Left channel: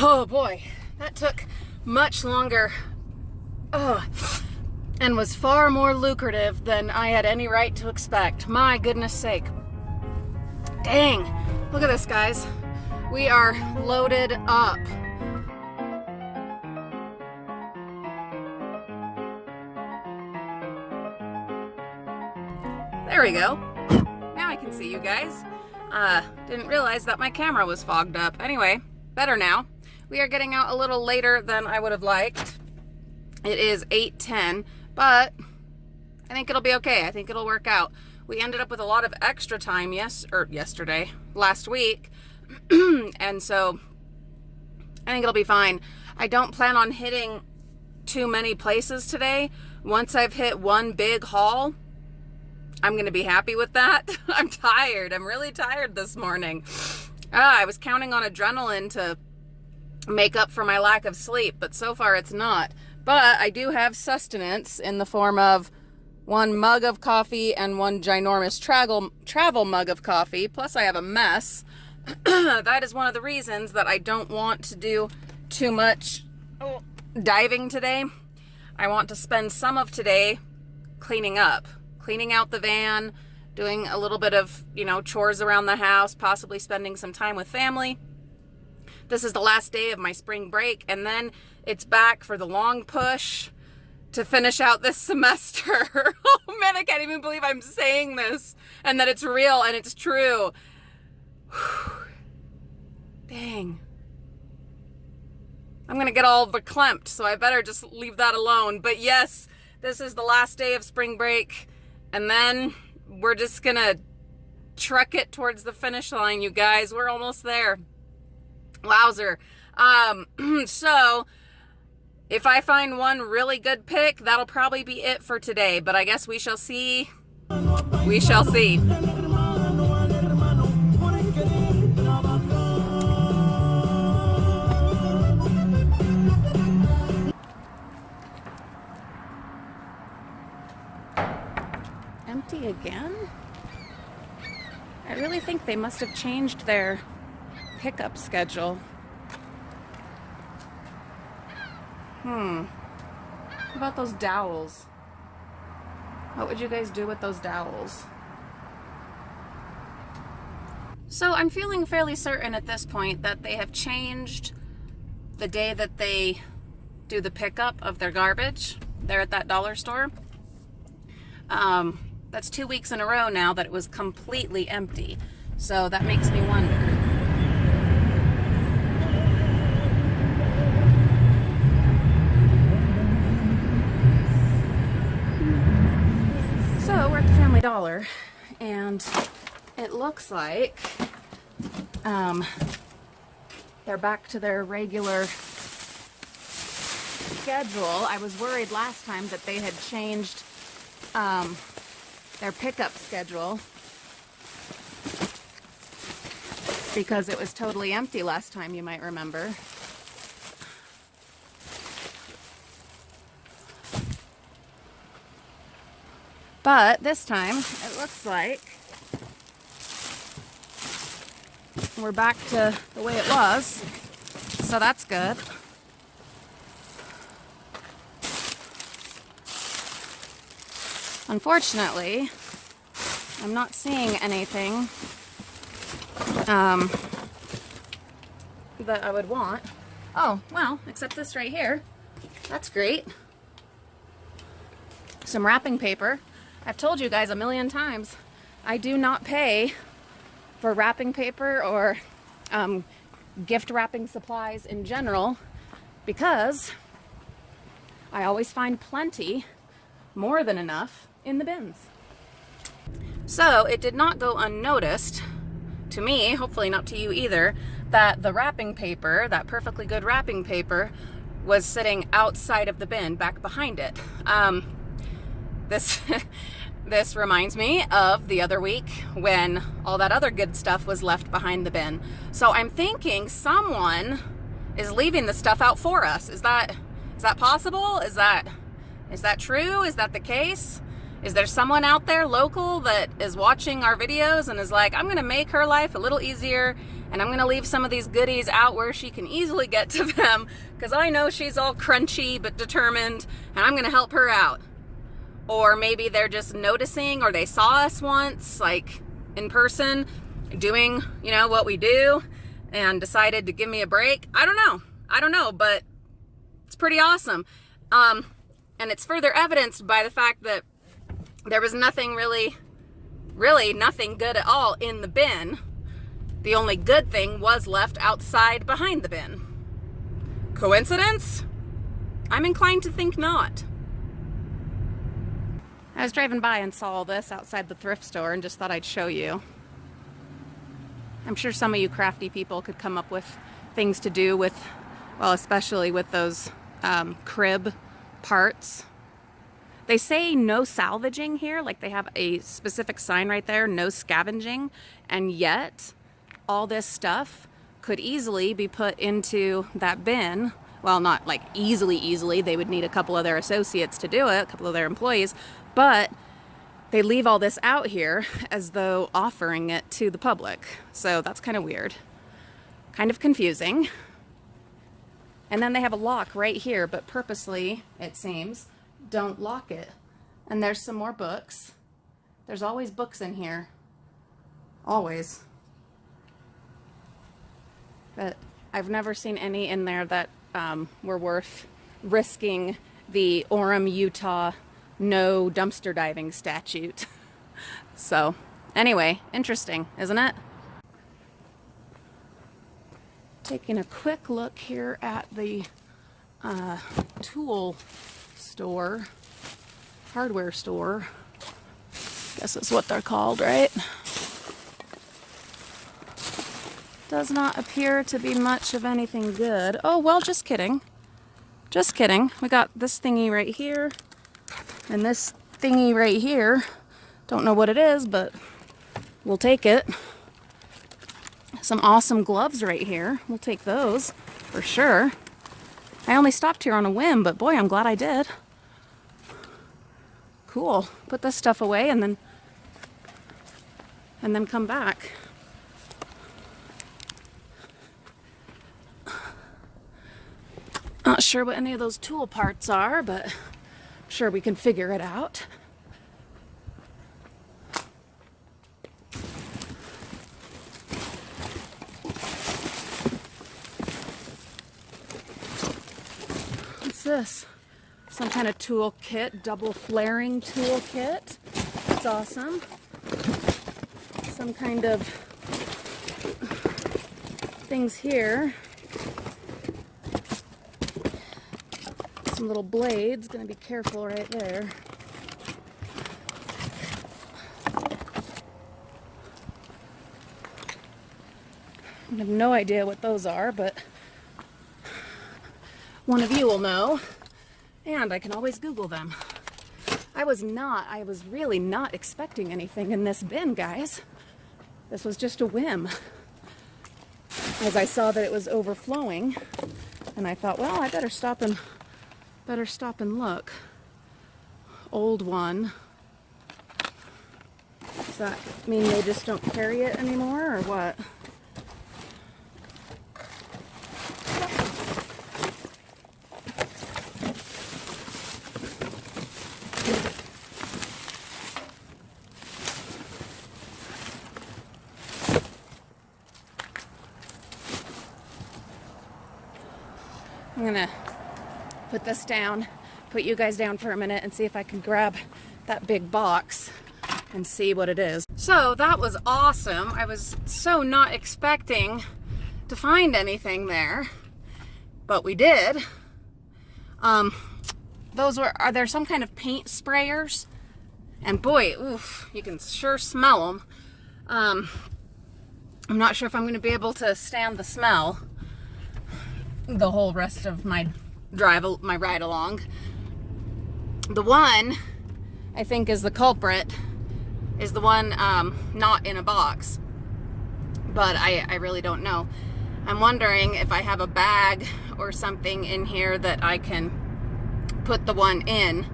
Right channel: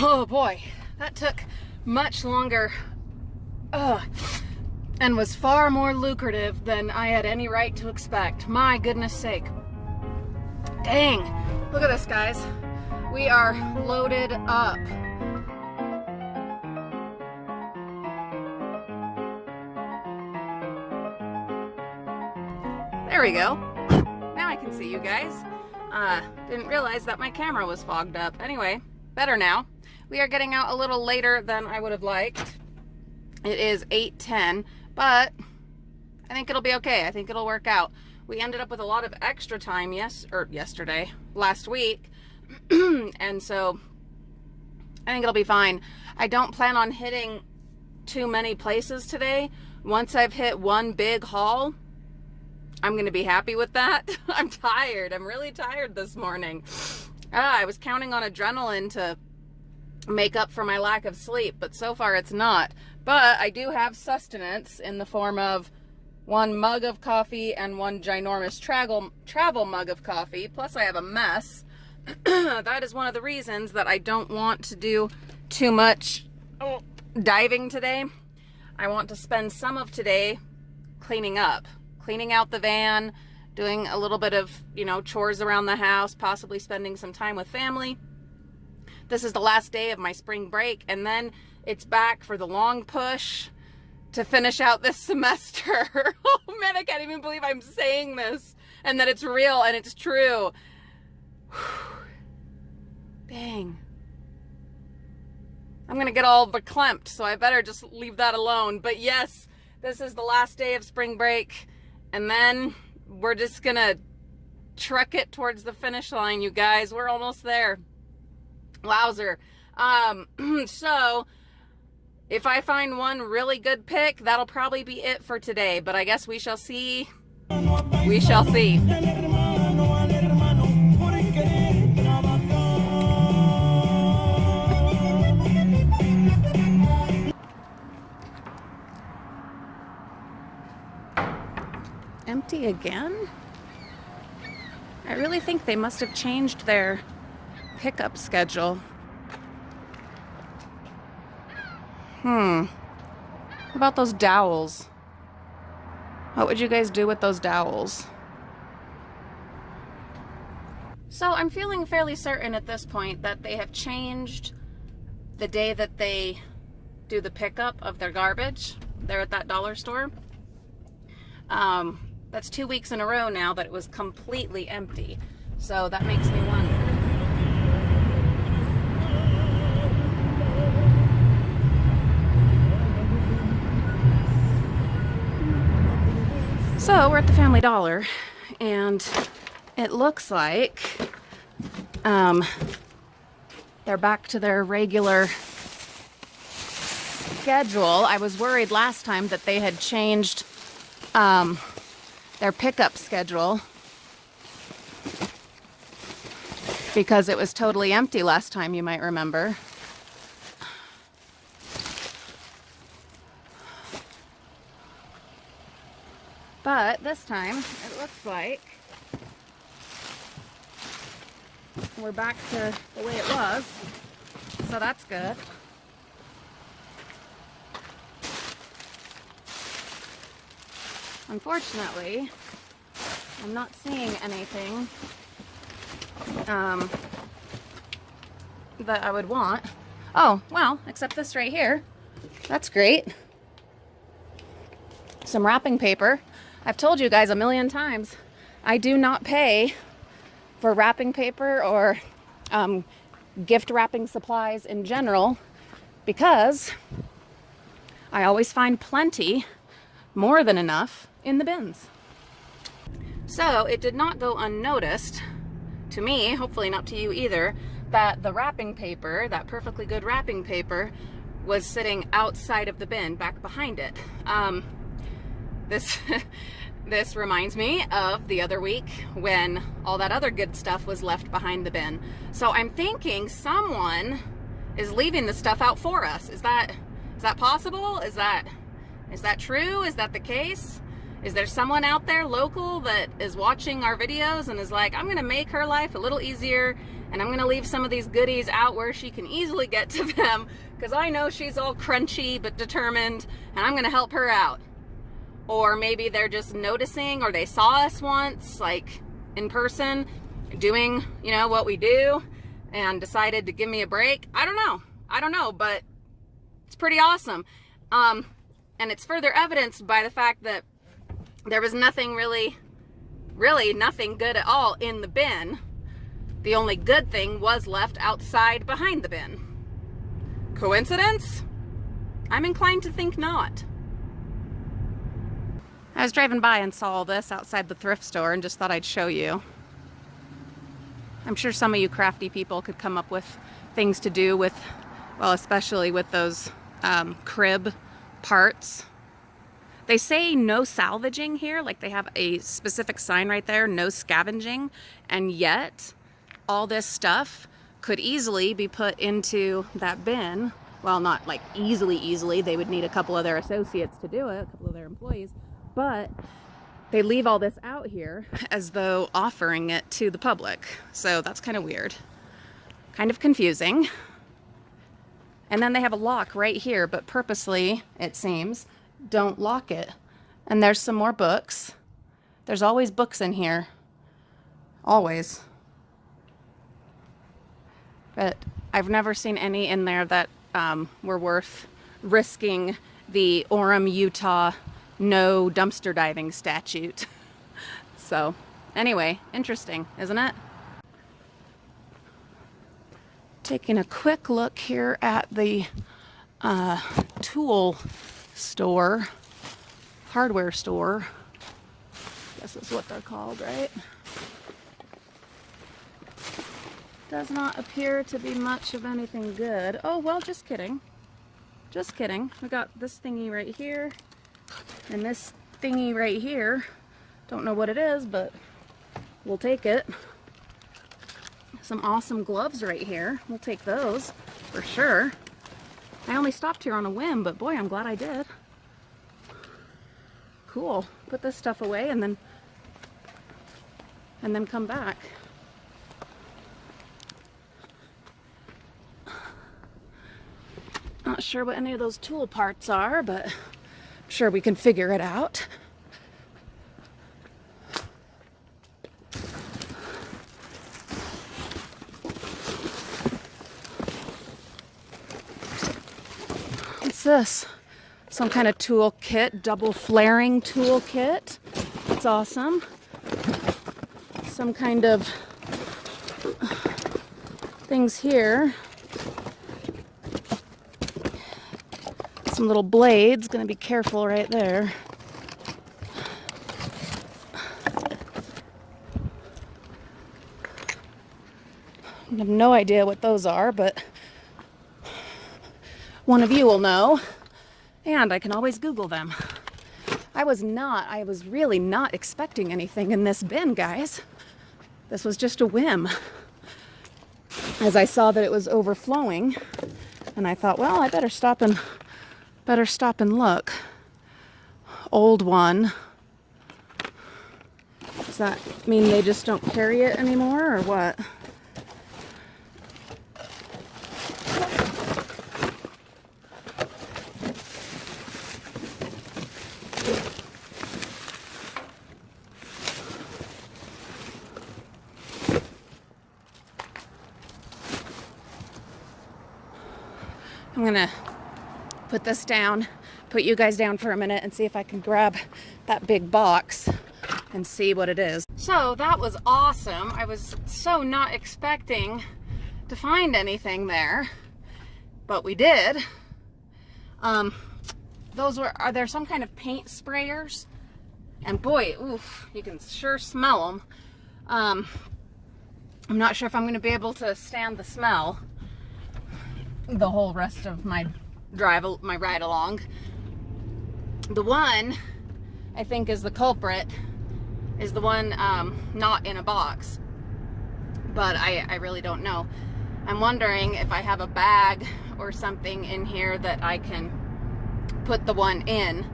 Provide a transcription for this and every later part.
Oh boy, that took much longer and was far more lucrative than I had any right to expect. My goodness sake. Dang, look at this, guys. We are loaded up. There we go. Now I can see you guys. Didn't realize that my camera was fogged up. Anyway, better now. We are getting out a little later than I would have liked. It is 8:10, but I think it'll be okay. I think it'll work out. We ended up with a lot of extra time last week, and so I think it'll be fine. I don't plan on hitting too many places today. Once I've hit one big haul, I'm gonna be happy with that. I'm tired. I'm really tired this morning. I was counting on adrenaline to make up for my lack of sleep, but so far it's not. But I do have sustenance in the form of one mug of coffee and one ginormous travel mug of coffee, plus I have a mess. That is one of the reasons that I don't want to do too much diving today. I want to spend some of today cleaning out the van, doing a little bit of, chores around the house, possibly spending some time with family. This is the last day of my spring break, and then it's back for the long push to finish out this semester. Oh man, I can't even believe I'm saying this and that it's real and it's true. Dang. I'm gonna get all verklempt, so I better just leave that alone. But yes, this is the last day of spring break, and then we're just gonna truck it towards the finish line, you guys. We're almost there. Wowzer. So if I find one really good pick, that'll probably be it for today, but I guess we shall see. We shall see. Empty again? I really think they must have changed their pickup schedule. How about those dowels? What would you guys do with those dowels? So I'm feeling fairly certain at this point that they have changed the day that they do the pickup of their garbage there at that dollar store. That's 2 weeks in a row now that it was completely empty. So that makes me wonder. So we're at the Family Dollar, and it looks like they're back to their regular schedule. I was worried last time that they had changed their pickup schedule because it was totally empty last time, you might remember. But this time, it looks like we're back to the way it was, so that's good. Unfortunately, I'm not seeing anything that I would want. Oh, well, except this right here. That's great. Some wrapping paper. I've told you guys a million times, I do not pay for wrapping paper or gift wrapping supplies in general because I always find plenty, more than enough, in the bins. So it did not go unnoticed to me, hopefully not to you either, that the wrapping paper, that perfectly good wrapping paper, was sitting outside of the bin, back behind it. This reminds me of the other week when all that other good stuff was left behind the bin. So I'm thinking someone is leaving the stuff out for us. Is that possible? Is that true? Is that the case? Is there someone out there local that is watching our videos and is like, I'm gonna make her life a little easier And I'm gonna leave some of these goodies out where she can easily get to them, because I know she's all crunchy but determined, and I'm gonna help her out. Or maybe they're just noticing, or they saw us once, like in person, doing, you know, what we do, and decided to give me a break. I don't know, but it's pretty awesome. And it's further evidenced by the fact that there was nothing really nothing good at all in the bin. The only good thing was left outside behind the bin. Coincidence? I'm inclined to think not. I was driving by and saw all this outside the thrift store and just thought I'd show you. I'm sure some of you crafty people could come up with things to do with, well, especially with those crib parts. They say no salvaging here, like they have a specific sign right there, no scavenging, and yet all this stuff could easily be put into that bin. Well, not like easily, they would need a couple of their associates to do it, a couple of their employees, but they leave all this out here as though offering it to the public. So that's kind of weird, kind of confusing. And then they have a lock right here, but purposely, it seems, don't lock it. And there's some more books. There's always books in here. Always. But I've never seen any in there that were worth risking the Orem, Utah no dumpster diving statute. So anyway, interesting, isn't it? Taking a quick look here at the tool store, hardware store, guess is what they're called, right? Does not appear to be much of anything good. Oh, well, just kidding. Just kidding. We got this thingy right here and this thingy right here. Don't know what it is, but we'll take it. Some awesome gloves right here. We'll take those for sure. I only stopped here on a whim, but boy, I'm glad I did. Cool. Put this stuff away and then come back. Not sure what any of those tool parts are, but I'm sure we can figure it out. What's this? Some kind of tool kit, double flaring tool kit. That's awesome. Some kind of things here. Some little blades, gonna be careful right there. I have no idea what those are, but one of you will know, and I can always Google them. I was really not expecting anything in this bin, guys. This was just a whim. As I saw that it was overflowing, and I thought, well, I better stop and look. Old one. Does that mean they just don't carry it anymore, or what? I'm gonna put this down, put you guys down for a minute and see if I can grab that big box and see what it is. So that was awesome. I was so not expecting to find anything there, but we did. Are there some kind of paint sprayers? And boy, oof, you can sure smell them. I'm not sure if I'm gonna be able to stand the smell the whole rest of my ride along. The one I think is the culprit is the one not in a box, but I really don't know. I'm wondering if I have a bag or something in here that I can put the one in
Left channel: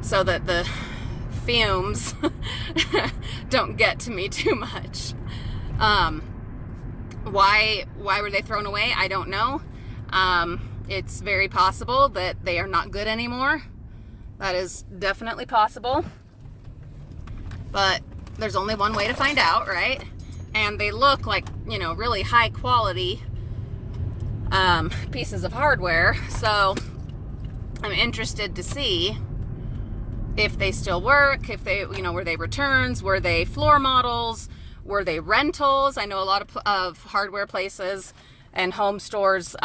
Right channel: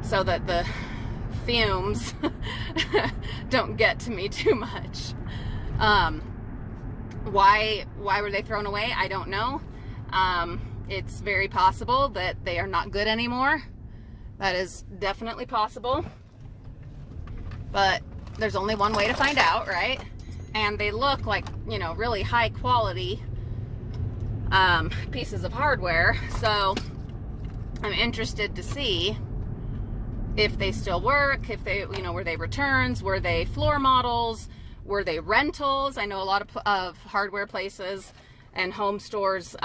so that the fumes don't get to me too much. Why were they thrown away? I don't know. It's very possible that they are not good anymore. That is definitely possible. But there's only one way to find out, right? And they look like, you know, really high quality pieces of hardware. So I'm interested to see if they still work, if they, you know, were they returns, were they floor models, were they rentals? I know a lot of hardware places and home stores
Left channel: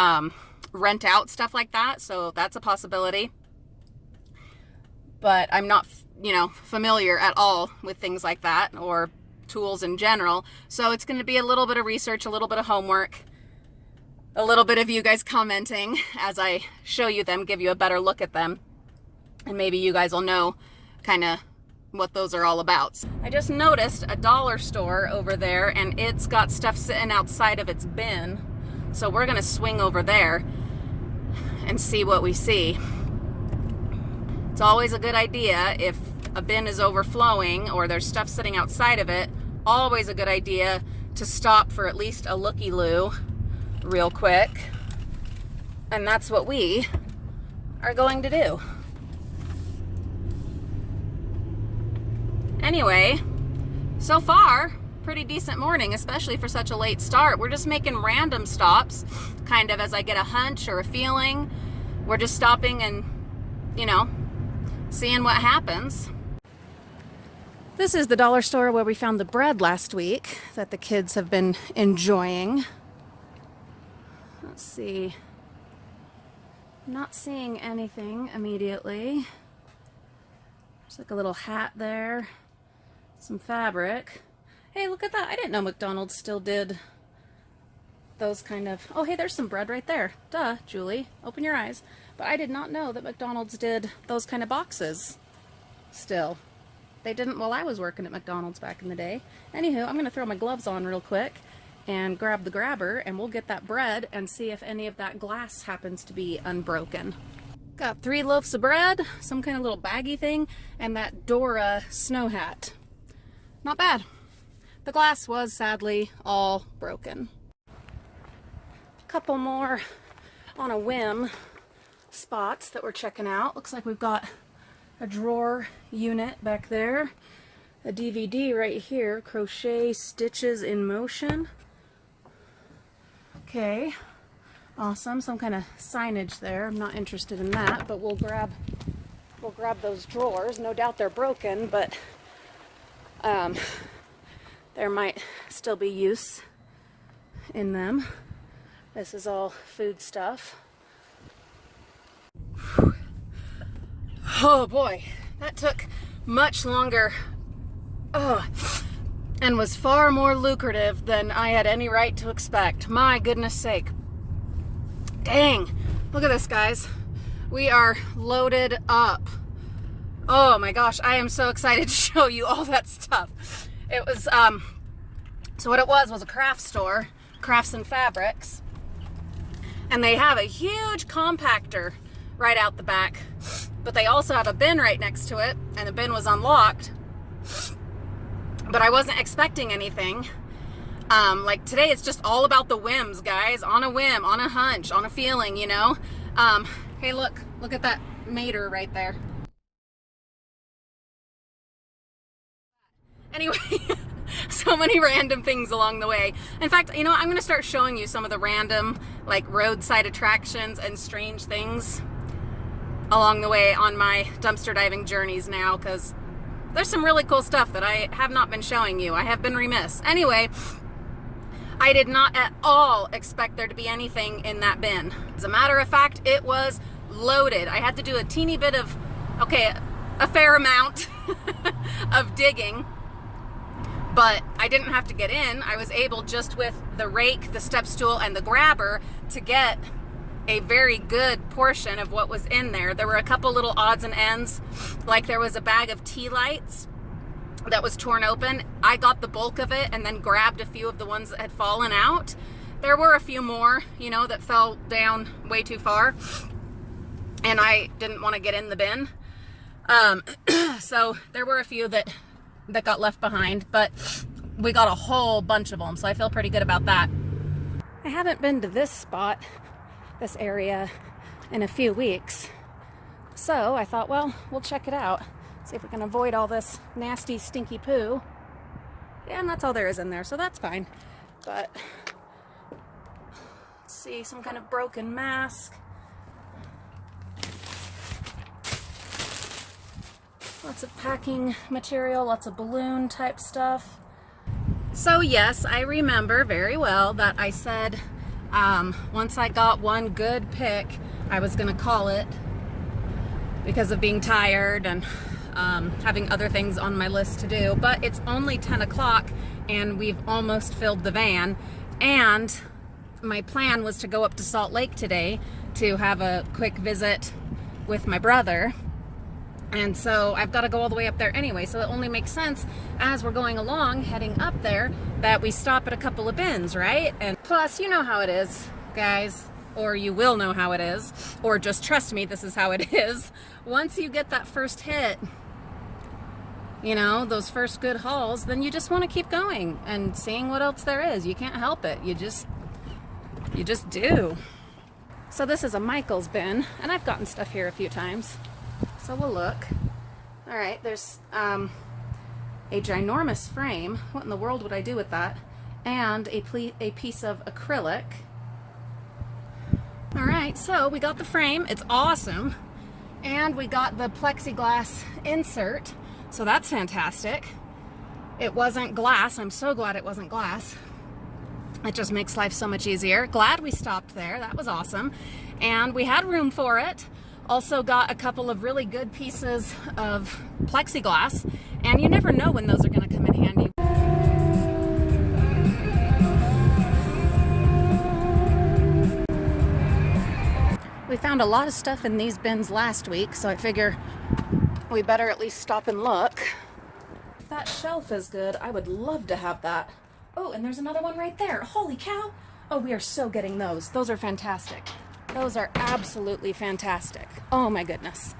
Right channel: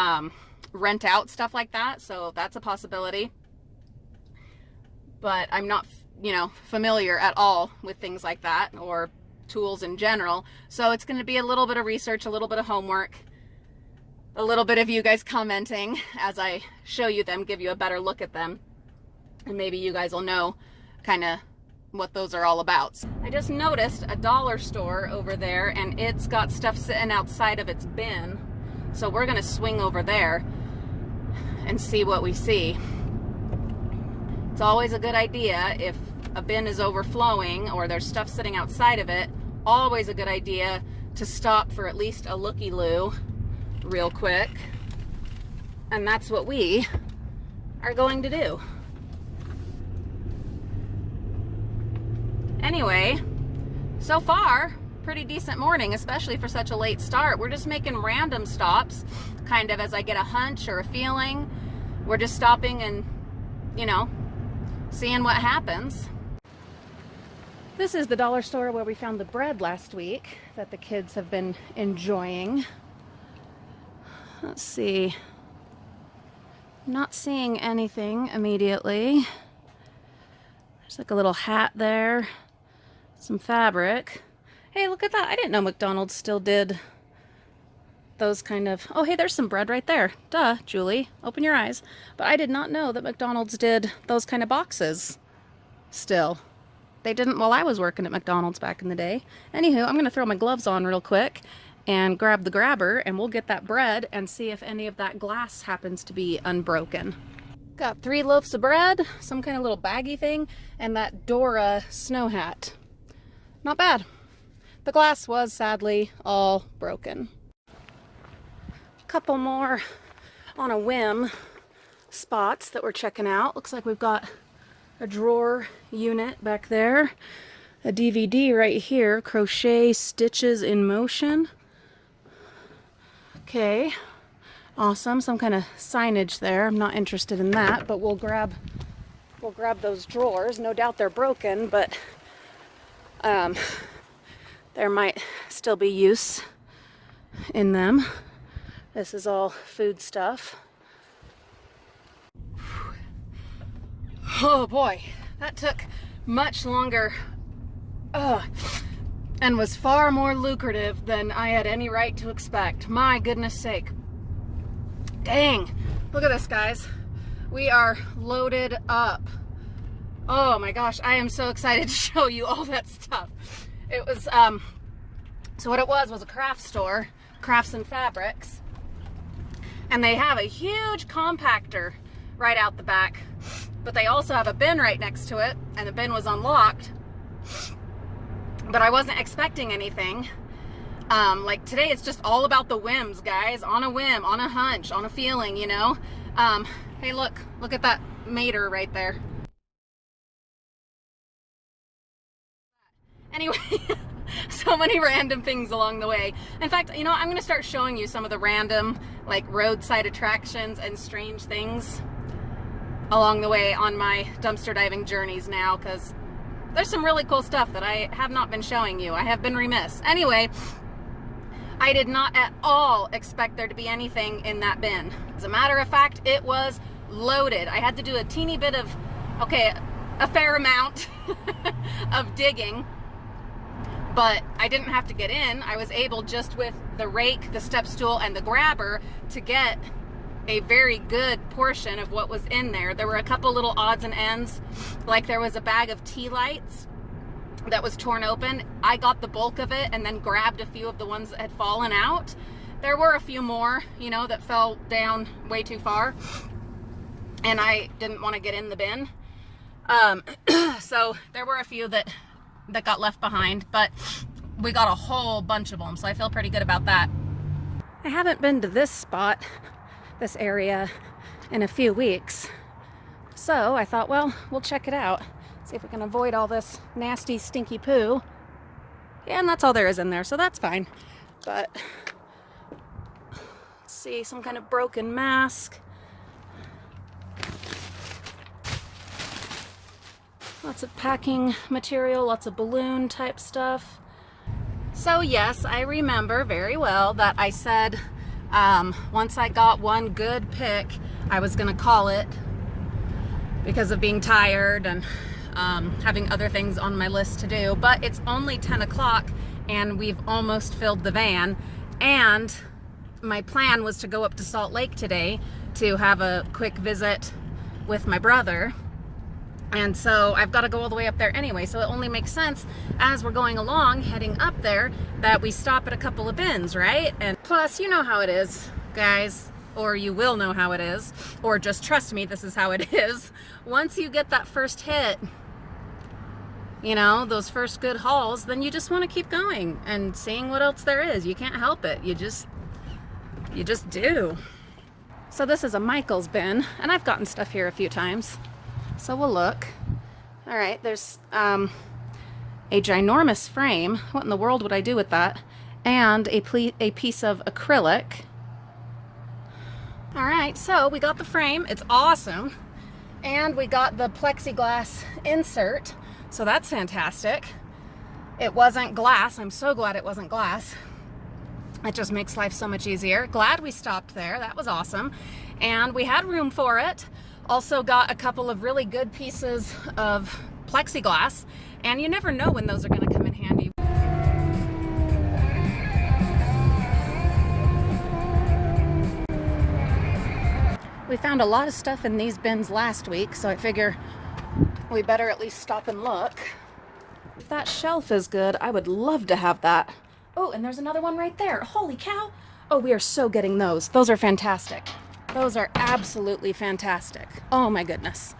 rent out stuff like that, so that's a possibility. But I'm not, you know, familiar at all with things like that or tools in general. So it's going to be a little bit of research, a little bit of homework, a little bit of you guys commenting as I show you them, give you a better look at them. And maybe you guys will know kind of what those are all about. I just noticed a dollar store over there, and it's got stuff sitting outside of its bin. So we're going to swing over there and see what we see. It's always a good idea if a bin is overflowing or there's stuff sitting outside of it, always a good idea to stop for at least a looky-loo real quick. And that's what we are going to do. Anyway, so far, pretty decent morning, especially for such a late start. We're just making random stops, kind of as I get a hunch or a feeling. We're just stopping and, you know, seeing what happens. This is the dollar store where we found the bread last week that the kids have been enjoying. Let's see. Not seeing anything immediately. There's like a little hat there. Some fabric. Hey, look at that. I didn't know McDonald's still did those kind of... Oh, hey, there's some bread right there. Duh, Julie. Open your eyes. But I did not know that McDonald's did those kind of boxes still. They didn't while I was working at McDonald's back in the day. Anywho, I'm going to throw my gloves on real quick and grab the grabber, and we'll get that bread and see if any of that glass happens to be unbroken. Got 3 loaves of bread, some kind of little baggy thing, and that Dora snow hat. Not bad. The glass was sadly all broken. A couple more on a whim spots that we're checking out. Looks like we've got a drawer unit back there. A DVD right here, Crochet Stitches in Motion. Okay, awesome. Some kind of signage there. I'm not interested in that, but we'll grab those drawers. No doubt they're broken, but there might still be use in them. This is all food stuff. Whew. Oh boy, that took much longer and was far more lucrative than I had any right to expect. My goodness sake. Dang, look at this, guys. We are loaded up. Oh my gosh, I am so excited to show you all that stuff. It was, so what it was a craft store, Crafts and Fabrics. And they have a huge compactor right out the back. But they also have a bin right next to it, and the bin was unlocked. But I wasn't expecting anything. Like today, it's just all about the whims, guys. On a whim, on a hunch, on a feeling, you know? Hey, look at that mater right there. Anyway, so many random things along the way. In fact, you know, I'm going to start showing you some of the random, like, roadside attractions and strange things along the way on my dumpster diving journeys now, because there's some really cool stuff that I have not been showing you. I have been remiss. Anyway, I did not at all expect there to be anything in that bin. As a matter of fact, it was loaded. I had to do a teeny bit of, a fair amount of digging, but I didn't have to get in. I was able, just with the rake, the step stool, and the grabber, to get a very good portion of what was in there. There were a couple little odds and ends, like there was a bag of tea lights that was torn open. I got the bulk of it and then grabbed a few of the ones that had fallen out. There were a few more, you know, that fell down way too far, and I didn't want to get in the bin. So there were a few that got left behind, but we got a whole bunch of them, so I feel pretty good about that. haven't been to this spot, this area, in a few weeks. So I thought, well, we'll check it out. See if we can avoid all this nasty, stinky poo. And that's all there is in there, so that's fine. But, let's see, some kind of broken mask. Lots of packing material, lots of balloon type stuff. So yes, I remember very well that I said once I got one good pick, I was gonna call it because of being tired and having other things on my list to do. But it's only 10 o'clock and we've almost filled the van. And my plan was to go up to Salt Lake today to have a quick visit with my brother. And so I've got to go all the way up there anyway, so it only makes sense as we're going along, heading up there, that we stop at a couple of bins, right? And plus, you know how it is, guys, or you will know how it is, or just trust me, this is how it is. Once you get that first hit, you know, those first good hauls, then you just want to keep going and seeing what else there is. You can't help it. You just do. So this is a Michael's bin, and I've gotten stuff here a few times. So we'll look. All right, there's a ginormous frame. What in the world would I do with that? And a piece of acrylic. All right, so we got the frame. It's awesome. And we got the plexiglass insert. So that's fantastic. It wasn't glass. I'm so glad it wasn't glass. It just makes life so much easier. Glad we stopped there. That was awesome. And we had room for it. Also got a couple of really good pieces of plexiglass, and you never know when those are going to come in handy. We found a lot of stuff in these bins last week, so I figure we better at least stop and look. If that shelf is good, I would love to have that. Oh, and there's another one right there. Holy cow! Oh, we are so getting those. Those are fantastic. Those are absolutely fantastic. Oh my goodness.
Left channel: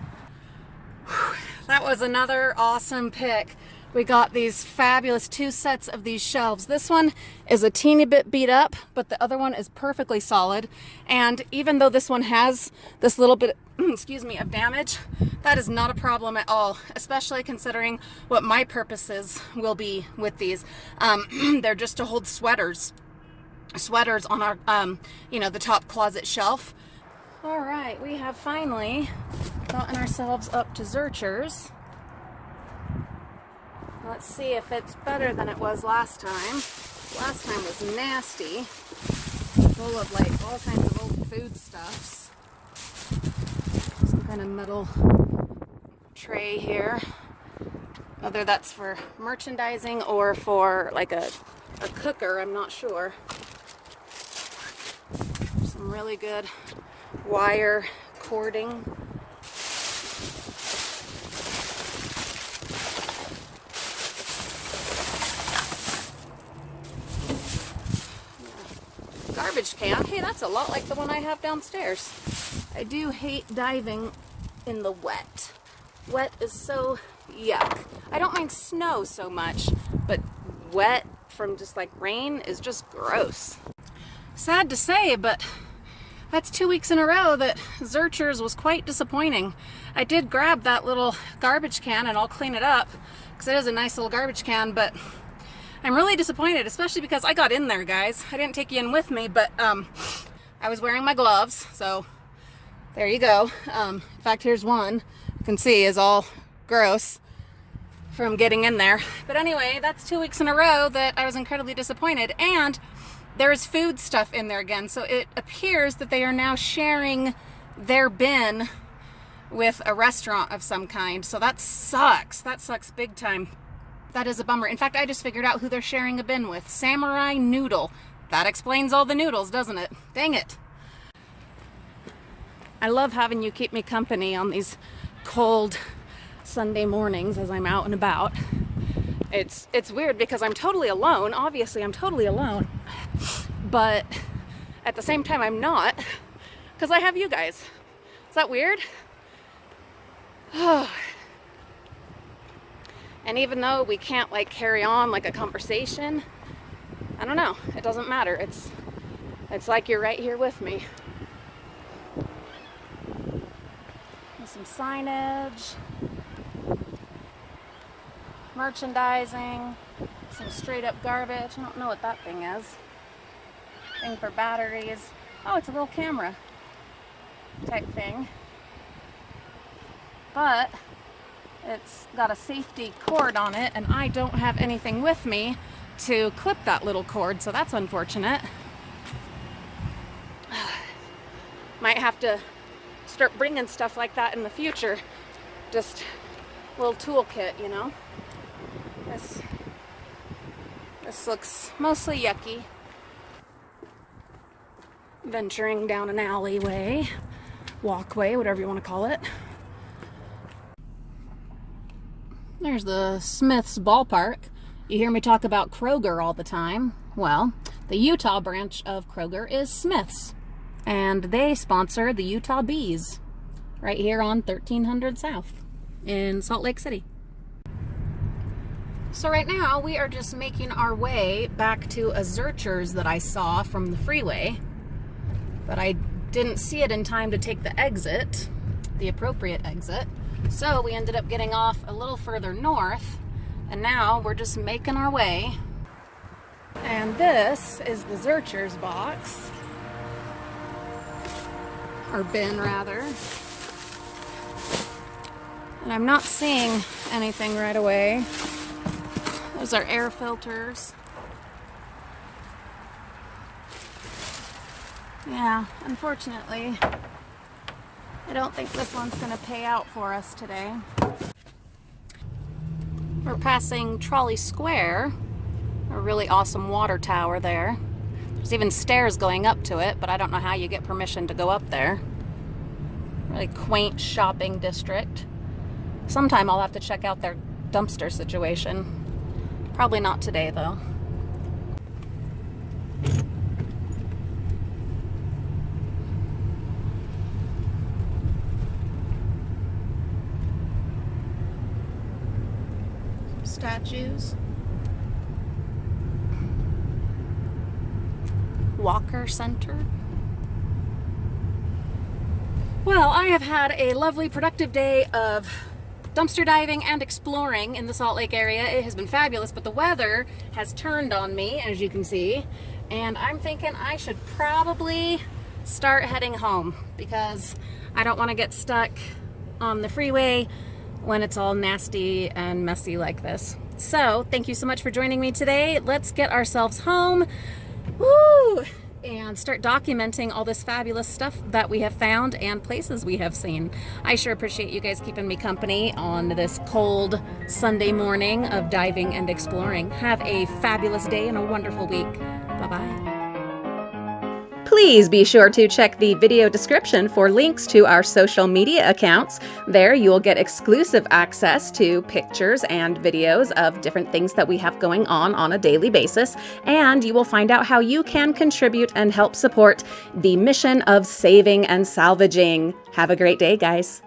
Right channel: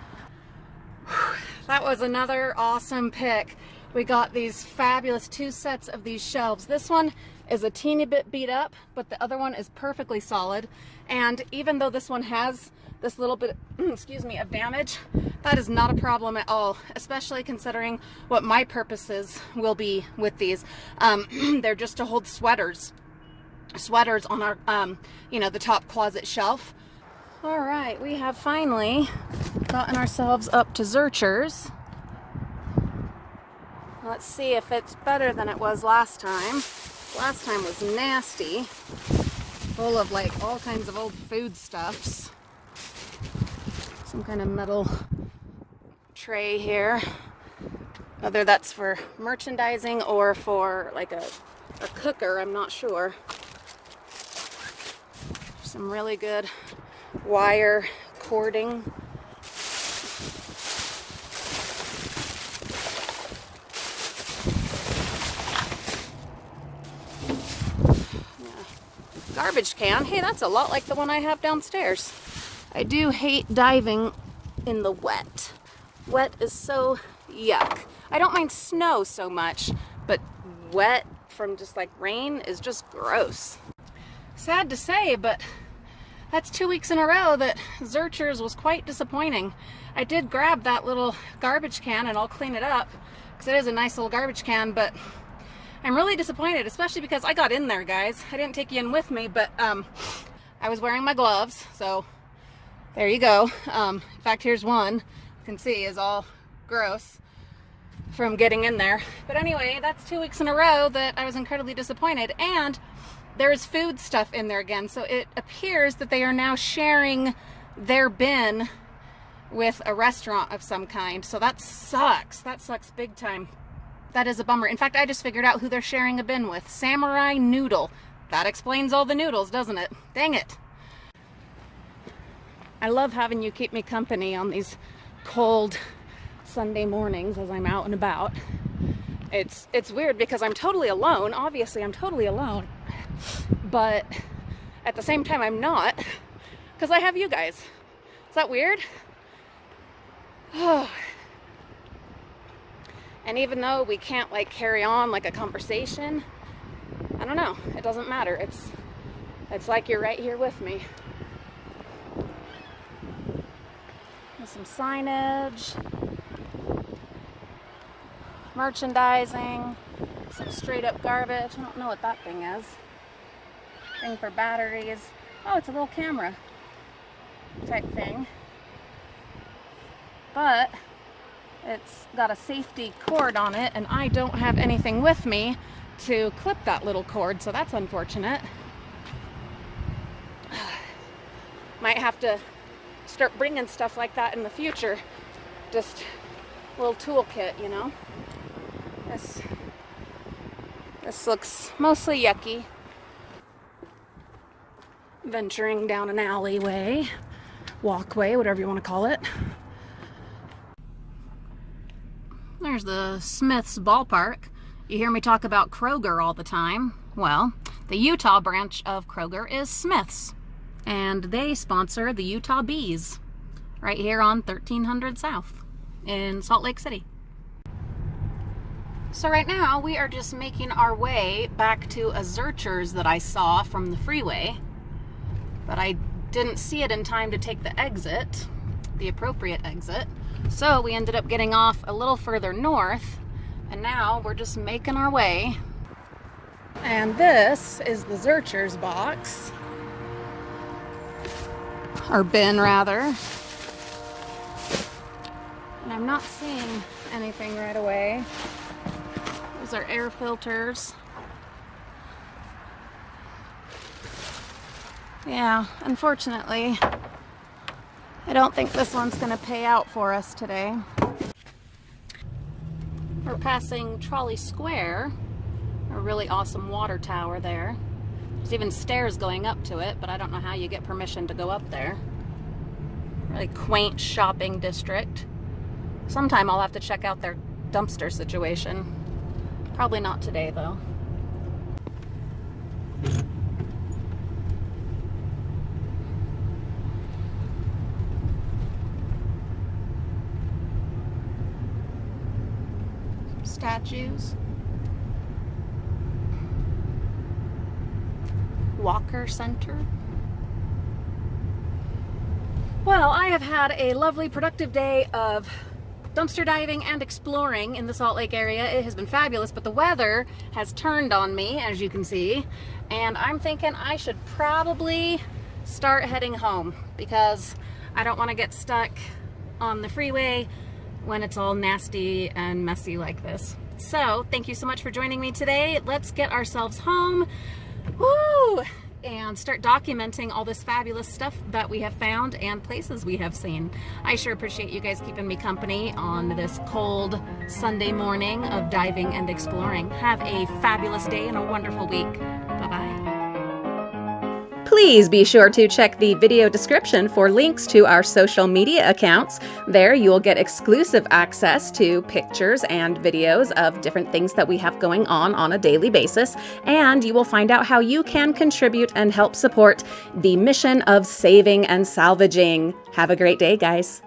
Whew. That was another awesome pick. We got these fabulous 2 sets of these shelves. This one is a teeny bit beat up, but the other one is perfectly solid. And even though this one has this little bit, excuse me, of damage, that is not a problem at all, especially considering what my purposes will be with these. They're just to hold sweaters on our, you know, the top closet shelf. All right, we have finally gotten ourselves up to Zurchers. Let's see if it's better than it was last time. Last time was nasty, full of like all kinds of old food stuffs. Some kind of metal tray here. Whether that's for merchandising or for like a cooker, I'm not sure. Some really good wire cording. Garbage can. Hey, that's a lot like the one I have downstairs. I do hate diving in the wet. Wet is so yuck. I don't mind snow so much, but wet from just like rain is just gross. Sad to say, but that's 2 weeks in a row that Zurchers was quite disappointing. I did grab that little garbage can and I'll clean it up because it is a nice little garbage can, but I'm really disappointed, especially because I got in there, guys. I didn't take you in with me, but I was wearing my gloves, so there you go. In fact, here's one. You can see is all gross from getting in there. But anyway, that's 2 weeks in a row that I was incredibly disappointed. And there's food stuff in there again, so it appears that they are now sharing their bin with a restaurant of some kind. So that sucks. That sucks big time. That is a bummer. In fact, I just figured out who they're sharing a bin with. Samurai Noodle. That explains all the noodles, doesn't it? Dang it. I love having you keep me company on these cold Sunday mornings as I'm out and about. It's weird because I'm totally alone. Obviously, I'm totally alone. But at the same time, I'm not, because I have you guys. Is that weird? And even though we can't like carry on like a conversation, I don't know. It doesn't matter. It's like you're right here with me. With some signage, merchandising, some straight up garbage. I don't know what that thing is. Thing for batteries. Oh, it's a little camera type thing. But it's got a safety cord on it, and I don't have anything with me to clip that little cord, so that's unfortunate. Might have to start bringing stuff like that in the future. Just a little toolkit, you know. This looks mostly yucky. Venturing down an alleyway, walkway, whatever you want to call it. There's the Smith's ballpark. You hear me talk about Kroger all the time. Well, the Utah branch of Kroger is Smith's, and they sponsor the Utah Bees right here on 1300 South in Salt Lake City. So right now we are just making our way back to a Zurchers that I saw from the freeway, but I didn't see it in time to take the exit, the appropriate exit. So we ended up getting off a little further north, and now we're just making our way. And this is the Zurchers box, or bin rather. And I'm not seeing anything right away. Those are air filters. Yeah, unfortunately, I don't think this one's going to pay out for us today. We're passing Trolley Square, a really awesome water tower there. There's even stairs going up to it, but I don't know how you get permission to go up there. Really quaint shopping district. Sometime I'll have to check out their dumpster situation. Probably not today, though. Statues. Walker Center. Well, I have had a lovely, productive day of dumpster diving and exploring in the Salt Lake area. It has been fabulous, but the weather has turned on me, as you can see, and I'm thinking I should probably start heading home because I don't want to get stuck on the freeway when it's all nasty and messy like this. So thank you so much for joining me today. Let's get ourselves home. Woo! And start documenting all this fabulous stuff that we have found and places we have seen. I sure appreciate you guys keeping me company on this cold Sunday morning of diving and exploring. Have a fabulous day and a wonderful week. Bye-bye. Please be sure to check the video description for links to our social media accounts. There you will get exclusive access to pictures and videos of different things that we have going on a daily basis, and you will find out how you can contribute and help support the mission of saving and salvaging. Have a great day, guys.